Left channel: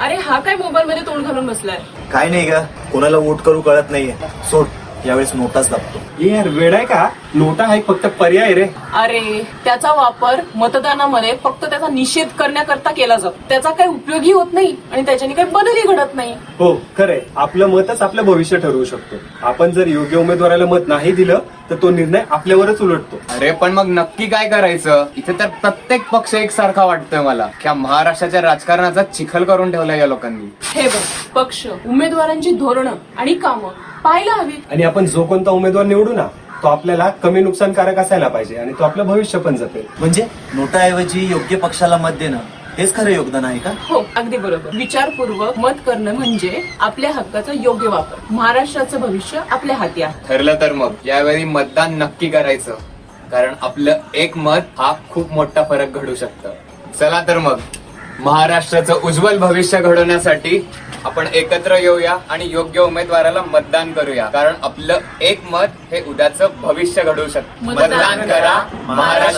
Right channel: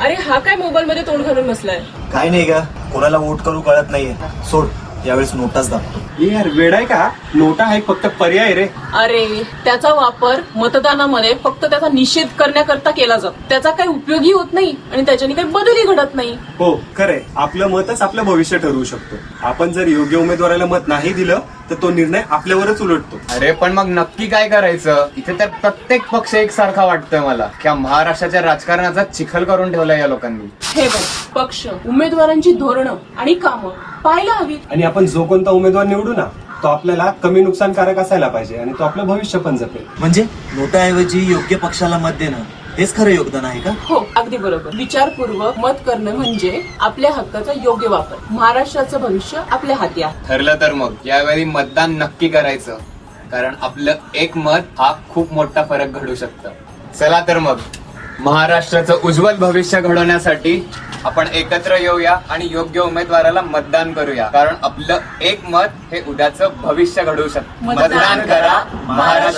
अरे हा काय मोबाईल मध्ये तोंड घालून बसलाय? काय नाही का, कोणाला वोट करू कळत नाहीये. सोड, यावेळेस नोटाच दाबतो. ए यार वेडाय का, नोटा हा एक फक्त पर्याय रे. अरे त्याचा वापर मतदानामध्ये फक्त त्याचा निषेध करण्याकरता केला जातो. त्याचा काही उपयोगही होत नाही आणि त्याच्याने काही बदलही घडत नाही. हो खरंय, आपलं मतच आपलं भविष्य ठरवू शकतो. आपण जर योग्य उमेदवाराला मत नाही दिलं तर तो निर्णय आपल्यावरच उलटतो. अरे पण मग नक्की काय करायचं? इथे तर प्रत्येक पक्ष एकसारखा वाटतोय मला. त्या महाराष्ट्राच्या राजकारणाचा चिखल करून ठेवलाय या लोकांनी. हे बघ, पक्ष उमेदवारांची धोरणं आणि कामं पाहायला हवी. आणि आपण जो कोणता उमेदवार निवडू ना, तो आपल्याला कमी नुकसानकारक असायला पाहिजे आणि तो आपलं भविष्य पण जपेल. म्हणजे नोटाऐवजी योग्य पक्षाला मत देणं हेच खरं योगदान आहे का? हो, अगदी बरोबर. विचारपूर्वक मत करणं म्हणजे आपल्या हक्काचा योग्य वापर. महाराष्ट्राचं भविष्य आपल्या हाती आहे. ठरलं तर मग यावेळी मतदान नक्की करायचं, कारण आपलं एक मत हा खूप मोठा फरक घडू शकतं. चला तर मग महाराष्ट्राचं उज्ज्वल भविष्य घडवण्यासाठी आपण एकत्र येऊया आणि योग्य उमेदवाराला मतदान करूया, कारण आपलं एक मत हे उद्याचं भविष्य घडवू शकतं. मतदान मतदान करा, महाराष्ट्र